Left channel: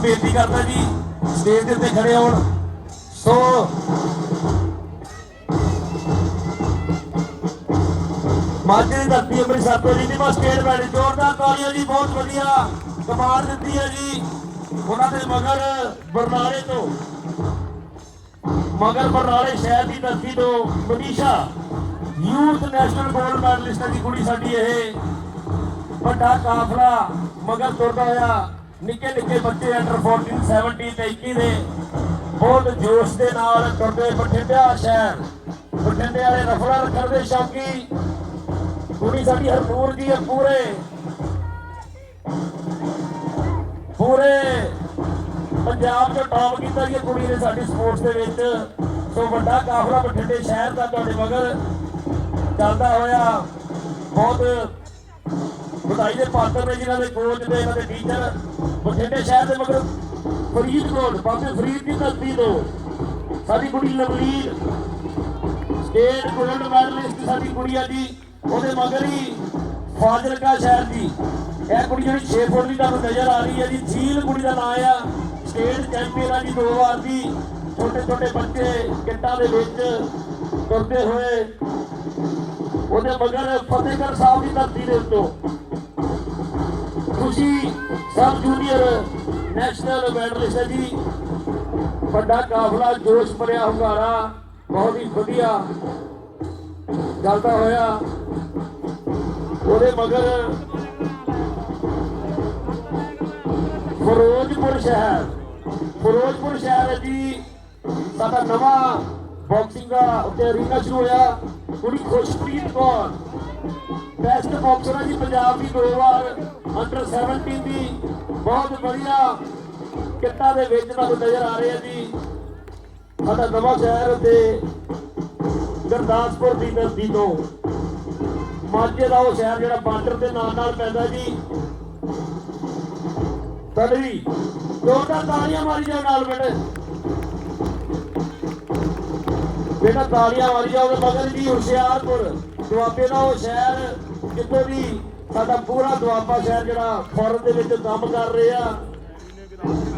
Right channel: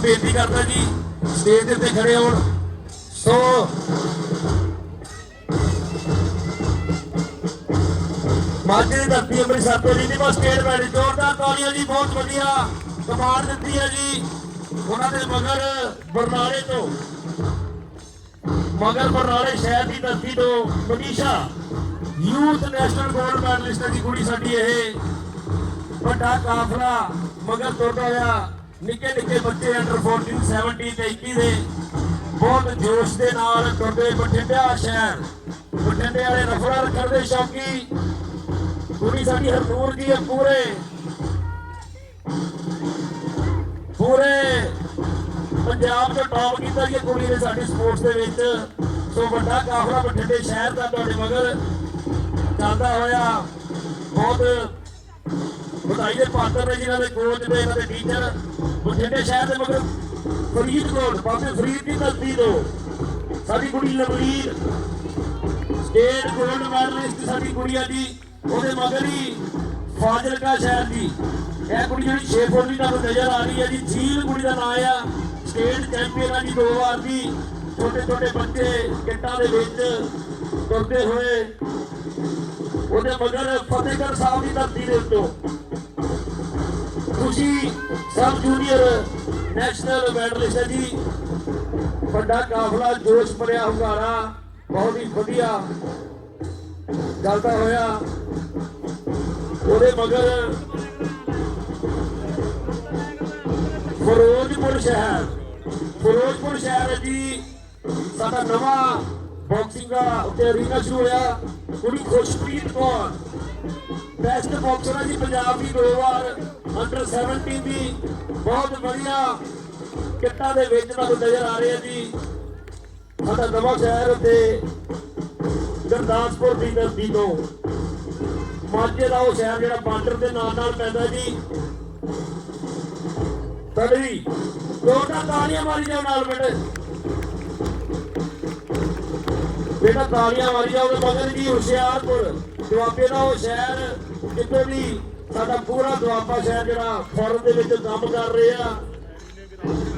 ਨੂੰ ਬੇਨਤੀ ਕਰਦਾ ਜੀ, ਸਟੇਜ ਦੇ ਉੱਤੇ ਖੜੇ ਹੋਣ। ਸੋ ਮਾਝੇ ਦੀ ਧਰਤੀ ਅੰਮ੍ਰਿਤਸਰ ਤੋਂ ਜੀ ਬਸ ਸਟੇਜ ਬੈਠ। ਜੋਰਦਾਰ ਤਾਲੀਆਂ ਜੀ, ਬਹੁਤ ਵਧੀਆ ਕਮਾਲ ਦਿੱਤੀ ਹੈ ਜੀ। ਉਹਨਾਂ ਦੇ ਮਗਰ ਬਰਨਾਲੇ ਤੋਂ, ਮਗਰ ਬਰਨਾਲੇ ਸ਼ਹਿਰ ਦੀ ਧਰਤੀ ਤੋਂ Manisha, youth national gold medallist ਦੀ ਕੁੜੀ ਸਾਡੀ ਇਹ। ਵੱਡਾ ਕਾਫਲਾ, ਮਗਰ ਤੁਰਦਾ ਹੋਇਆ ਨਿੱਕੇ ਨਿੱਕੇ ਬੱਚੇ ਅੰਡਰ 14 17 ਤੇ 21 ਦੇ ਬਹੁਤ ਜੋਸ਼ ਦੇ ਨਾਲ ਤੁਰਦੇ ਬਠਿੰਡਿਆ ਸ਼ਹਿਰ, ਬਠਿੰਡੇ ਵਾਲੇ ਰਫੜਾ ਰੱਖਣ ਦੇ ਸ਼ੌਕੀ ਕੁੜੀ ਸਾਡੀ ਹਰਨੂਰ ਦੀ ਹੈ ਪੂਰੇ। ਪੂਰੇ ਪੰਜਾਬ ਦੇ ਟੌਪ ਕੀਤਾ ਜੀ ਕੁੜੀ ਨੇ ਸਾਡੀ ਸਪੋਰਟਸ ਦੇ ਵਿੱਚ। ਸੋ ਵੱਡਾ ਕਾਫਲਾ ਬਠਿੰਡੇ ਸ਼ਹਿਰ ਦਾ ਤੁਹਾਡੇ ਮਗਰ ਚੱਲਦਾ ਹੋਇਆ। ਬਹੁਤ ਵਧਾਈ ਦੇ ਪਾਤਰ ਨੇ ਜਿਨ੍ਹਾਂ ਦੇ ਕੋਚ ਨੇ ਇਹਨਾਂ ਦੇ ਟੀਚਰ ਬਠਿੰਡੇ ਸ਼ਹਿਰ ਦੇ ਮਗਰ ਫਰੀਦਕੋਟ ਪਾਸੇ ਫਰੀਦ ਦੀ ਧਰਤੀ ਤੋਂ। ਸਾਡੀ ਕੁੜੀ ਲਵਲੀਰ ਸਟੇਟ ਗੋਲਡ ਮੈਡਲਿਸਟ ਸਾਡੀ ਕੁੜੀ ਆ ਉਹਦੇ ਮਗਰ ਹੀ ਫਾਜ਼ਿਲਕਾ ਸ਼ਹਿਰ ਦੀ। ਇਹ ਕੁੜੀ ਜਿਹੜੀ 6 ਫੁੱਟ ਦੀ ਤੁਹਾਨੂੰ ਨਜ਼ਰ ਆ ਰਹੀ ਹੈ ਜੀ। ਝੀਲ ਕੁੜੀ ਦਾ ਨਾਮ ਆ, ਸਟੇਟ ਚੈਂਪੀਅਨ ਆ ਜੀ ਦੋ ਵਾਰ ਦੀ। ਛੋਟੇ ਛੋਟੇ ਬੱਚੇ ਕਿੱਟਾਂ ਦੇ ਵਿੱਚ ਤੁਰਦੇ ਹੋਏ ਉਹਦੇ ਮਗਰ ਫਤਿਹਗੜ੍ਹ ਸਾਹਿਬ ਦੀ ਧਰਤੀ ਦੇ ਉੱਤੋਂ ਤੁਸੀਂ ਸਬ ਜੂਨੀਅਰ ਨੈਸ਼ਨਲ ਮੈਡਲਿਸਟ ਹੈ ਜੀ। ਵੱਡਾ ਕਾਫਲਾ, ਜੋਸ਼ ਭਰਿਆ ਹੁੰਗਾਰਾ, ਬਹੁਤ ਹੀ ਵਧੀਆ ਚੱਲਦਾ ਹੋਇਆ। ਉਹਦੇ ਮਗਰ ਫਿਰੋਜ਼ਪੁਰ ਸ਼ਹਿਰ ਫਿਰੋਜ਼ਪੁਰ ਸ਼ਹਿਰ ਜੀ। ਸਾਡਾ ਨਵਾਂ ਬਾਕਸਿੰਗ ਦਾ ਉੱਤੇ ਰੀਨਾ ਸ਼ੁਰੂ ਹੋਇਆ। ਕੁੜੀ ਖੁਸ਼ਪ੍ਰੀਤ ਕੌਰ ਬੈਸਟ ਬਾਕਸਰ ਹੈ ਪੰਜਾਬ ਦੀ ਦੋ ਵਾਰ ਅੰਡਰ 17 ਦੀ ਬਹੁਤ ਵਧੀਆ ਕਿੱਟਾ ਦੇ ਵਿੱਚ ਤੁਹਾਨੂੰ ਨਜ਼ਰ ਆ ਰਿਹਾ ਜੀ। ਸਾਡਾ ਨਵਾਂ ਸ਼ਹਿਰ ਤੇ ਗੁਰਦਾਸਪੁਰ ਦੀ ਧਰਤੀ ਤੋਂ ਮਾਝੇ ਦਾ ਉਹ ਸ਼ਹਿਰ ਜਿਹੜਾ ਬਾਰਡਰ ਦੇ ਨਾਲ ਨਾਲ ਪੈਂਦਾ ਜੀ। ਤੜੀ ਦੋਨਾਂ ਤਾਲੀਆਂ ਮਾਰੀ ਜਾਓ ਨਾਲ ਬੇਟੇ ਜਿਹੜਾ ਤਾਲੀਆਂ ਮਾਰੀ ਜਾਓ ਉਹਦੇ ਮਗਰ ਜੀ ਹੁਸ਼ਿਆਰਪੁਰ। ਦੁਆਬੇ ਦਾ ਉਹ ਸ਼ਹਿਰ ਜਿੱਥੇ ਵੀ ਸਾਡਾ ਪੂਰਾ ਦੁਆਬਾ ਸ਼ਹਿਰ ਜਿਹੜਾ ਫੌਰਨ ਦੇ ਵਿੱਚ ਕੰਮ ਕਰ ਰਿਹਾ।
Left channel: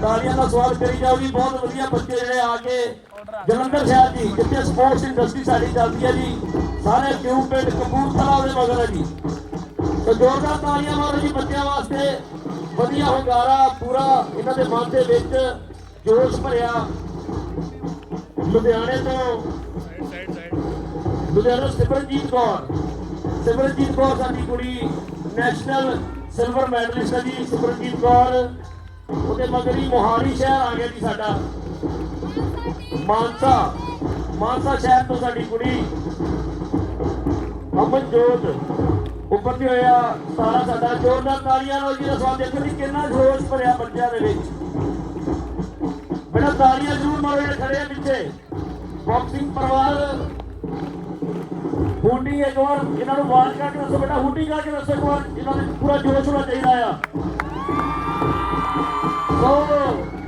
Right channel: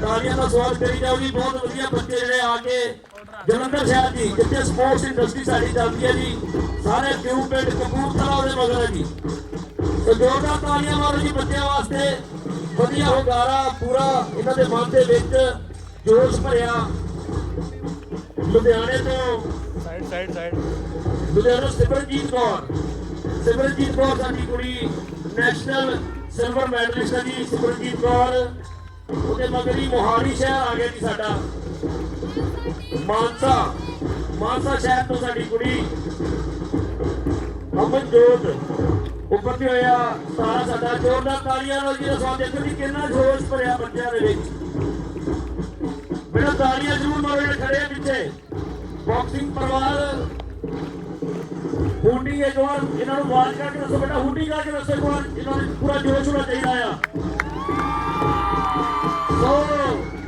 ਤਾਲੀਆਂ ਦਾ ਸਵਾਲ ਕਰੀ ਜਾਊਗੀ ਬਹੁਤ ਵਧੀਆ ਬੱਚੇ ਜਿਹੜੇ ਆ ਕੇ ਜਲੰਧਰ ਸ਼ਹਿਰ ਦੀ, ਜਿੱਥੇ ਸਪੋਰਟਸ ਇੰਡਸਟਰੀ ਸਾਡੀ ਚੱਲਦੀ ਹੈ ਜੀ, ਸਾਰੇ ਕਿਉਂ ਪਿੰਡ ਕਪੂਰਥਲਾ ਉਹਦੇ ਮਗਰ ਹੈ ਜੀ। ਤੇ ਜੋਰਦਾਰ ਤਾਲੀਆਂ ਮਾਰੋ ਜੀ ਬੱਚਿਆਂ ਵਾਸਤੇ ਵਧੀਆ ਹੁੰਗਾਰਾ ਪੂਰਾ ਇਹਨਾਂ ਦੇ ਮਨ ਦੇ ਵਿੱਚ ਜੋਸ਼ ਭਰਿਆ। ਲੁਧਿਆਣੇ ਤੋਂ side side side Ludhiana Simranjeet Kaur. Simarjeet Kaur ਸਾਡੀ ਕੁੜੀ ਨੈਸ਼ਨਲ ਸਿਲਵਰ ਮੈਡਲਿਸਟ ਹੈ ਜੀ, ਸਿਮਰਨਜੀਤ ਕੌਰ। ਉਹਦੇ ਮਗਰ ਮੋਹਾਲੀ ਸ਼ਹਿਰ ਆ ਗਿਆ ਜੀ ਸਾਡਾ। ਮਾਨਸਾ ਮਾਨਸਾ ਸ਼ਹਿਰ ਤੋਂ ਸਾਡੀ ਕੁੜੀ, ਅਮਨਜੋਤ। ਉੱਪਰ ਤੇ ਹੋਇਆ ਸਾਰਾ ਸਾਡਾ ਜੋਰਦਾਰ ਤਾਲੀਆਂ ਨਾਲ ਜੀ ਦਾ ਦੇਖੋ ਜੀ, ਕਿੰਨਾ ਜੋਸ਼ ਭਰਿਆ ਬੱਚਿਆਂ ਦੇ ਵਿੱਚ। ਬੜਾ ਤਾਲੀਆਂ ਜ਼ਰੂਰ ਮਾਰੋ ਖੜੇ ਪਿੱਛੇ। ਬਾਕਸਿੰਗ ਪਰਿਵਾਰ ਹੁੱਡੀ ਇੱਕ ਵਾਰ ਇਹਨਾਂ ਨੂੰ ਆਵਾਜ਼ ਕਰਕੇ ਦੱਸੋ ਬੇਟਾ ਹੁੱਡੀ ਕਰਕੇ ਦੱਸੋ ਇੱਕ ਵਾਰ ਇਹਨਾਂ ਨੂੰ ਪੂਰਾ ਜੋਸ਼ ਹੋਣਾ ਚਾਹੀਦਾ ਆ। ਸੋ,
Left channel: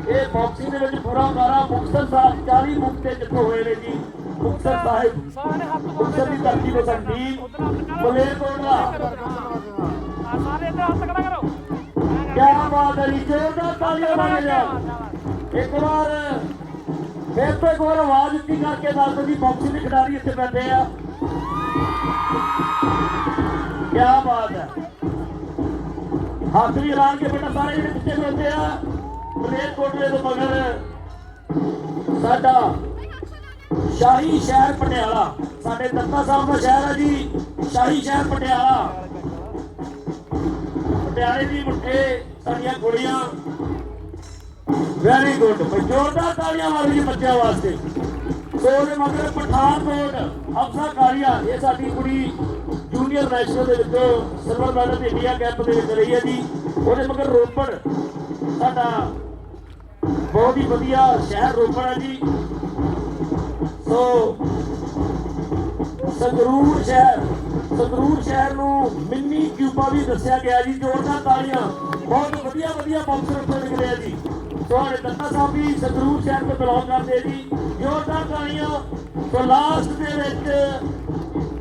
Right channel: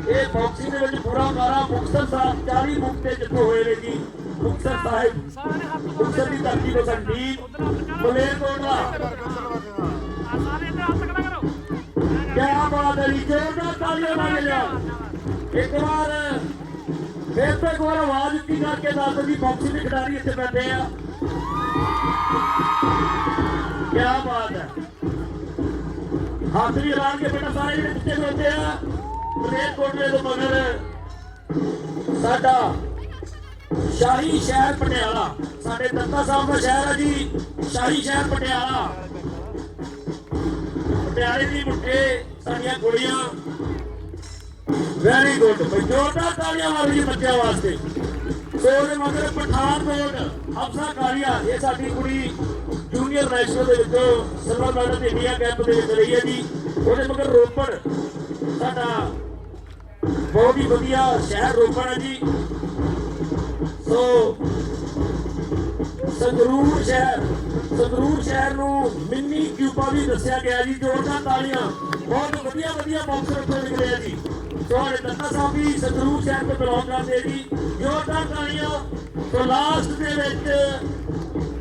ਇਹ ਬਾਕਸਿੰਗ ਦੇ ਵਿੱਚ ਪੂਰਾ ਗਾਰਾ ਮੁਕਤਸਰ ਸਾਹਿਬ 40 ਮੁਕਤੇ ਜਿੱਥੋਂ ਹੋਏ ਨੇ ਜੀ। ਮੁਕਤਸਰ ਸਾਹਿਬ, ਮੁਕਤਸਰ ਦੀ ਧਰਤੀ ਤੋਂ ਸਾਡੀ ਮਲੇਰਕੋਟਲਾ ਸਾਰੇ ਕਿਆ ਬਾਤ ਹੈ ਜੀ, ਜੋਰਦਾਰ ਤਾਲੀਆਂ ਮਾਰਿਆ ਇੱਕ ਵਾਰ ਫਿਰ ਤੋਂ ਇੱਕ ਵਾਰ ਆਵਾਜ਼ ਉੱਚੀ ਕਰਕੇ ਦੱਸ ਦਿਓ ਜੀ ਬਾਕਸਿੰਗ ਦੇ ਖਿਡਾਰੀ ਇੱਥੇ ਬੈਠੇ ਆ। ਕਿਆ ਬਾਤ ਹੈ। ਹੱਥ ਵੀ ਐਲਾਨ ਕੇ ਬੇਟਾ ਸਾਰੇ ਜਿਹੜੇ ਪਿੱਛੇ ਬੈਠੇ ਆ ਪਲੇਟ ਕੋਟਲੇ ਦੇ ਮਗਰ ਸਾਡਾ ਸ਼ਾਹੀ ਸ਼ਹਿਰ ਪਟਿਆਲਾ, ਸਾਡੇ ਤੱਤਾ ਸਾਹਿਬ ਦਾ ਸ਼ਹਿਰ ਹੈ ਜੀ, ਸ਼ਾਹੀ ਸ਼ਹਿਰ ਪਟਿਆਲਾ। ਪਟਿਆਲੇ ਦੀ ਮੁੱਠੇ, ਸਾਡੀਆਂ ਕੁੜੀਆਂ ਵੈਰੀ ਗੁੱਡ ਜੋਰਦਾਰ ਤਾਲੀਆਂ ਮਾਰੋ ਜੀ ਬੱਚਿਆਂ ਵਾਸਤੇ। ਉਹਦੇ ਮਗਰ ਪਠਾਨਕੋਟ ਅਫਸਰ ਕਾਲੀਆ ਇਹ ਸਾਡੀ ਕੁੜੀ ਜੂਨੀਅਰ ਨੈਸ਼ਨਲ ਦੇ ਵਿੱਚ ਸਿਲਵਰ ਮੈਡਲ ਇੰਡੀਆ ਕੈਂਪ ਦੇ ਵਿੱਚ ਰਹੀ ਹੈ ਜੀ। ਉਹਦੇ ਮਗਰ ਰੋਪੜ, ਸਾਡਾ ਬਹੁਤ ਹੀ ਵਧੀਆ ਸ਼ਹਿਰ ਰੋਪੜ ਹੈ ਜੀ। ਸੋ ਸੰਗਰੂਰ ਸ਼ਹਿਰ ਸੰਗਰੂਰ ਸ਼ਹਿਰ ਨੂੰ ਮਿੰਨੀ ਕਿਊਬਾ ਵੀ ਦੱਸਿਆ ਗਿਆ ਜੀ ਜੋਰਦਾਰ ਤਾਲੀਆਂ ਬਹੁਤ ਵਧੀਆ ਵਧੀਆ ਬਾਕਸਰ ਉੱਤੇ ਨਿਕਲੇ ਜੀ। और डॉक्टर ਸਾਹਿਬ ਵੀ ਸੰਗਰੂਰ ਸ਼ਹਿਰ ਤੋਂ ਬਲੌਗ ਕਰਦੇ ਜੀ ਜੋਰਦਾਰ ਤਾਲੀਆਂ ਤੇ ਲਾਸਟ ਦੇ ਵਿੱਚ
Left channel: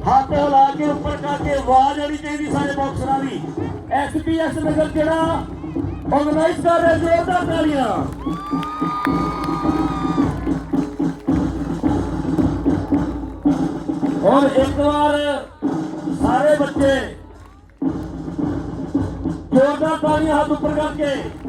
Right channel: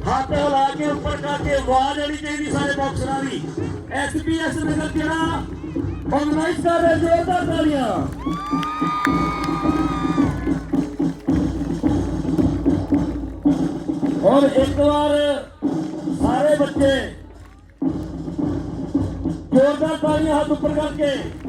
ਹੱਥ ਲਾ ਕੇ ਉੱਪਰ ਕਰਕੇ ਆਵਾਜ਼ ਆਣੀ ਚਾਹੀਦੀ ਸਾਰੇ ਬਾਕਸਰਾਂ ਦੀ ਐਸਪੀਐਸ ਨਗਰ ਜਿਹੜਾ ਆਰਗੇਨਾਈਜ਼ ਕਰ ਰਿਹਾ ਜੋਰਦਾਰ ਤਾਲੀਆਂ ਔਰ ਇੱਕ ਵਾਰ ਸਾਰੇ ਬੱਚੇ जोरदार तालियाँ हाथ ऊपर करके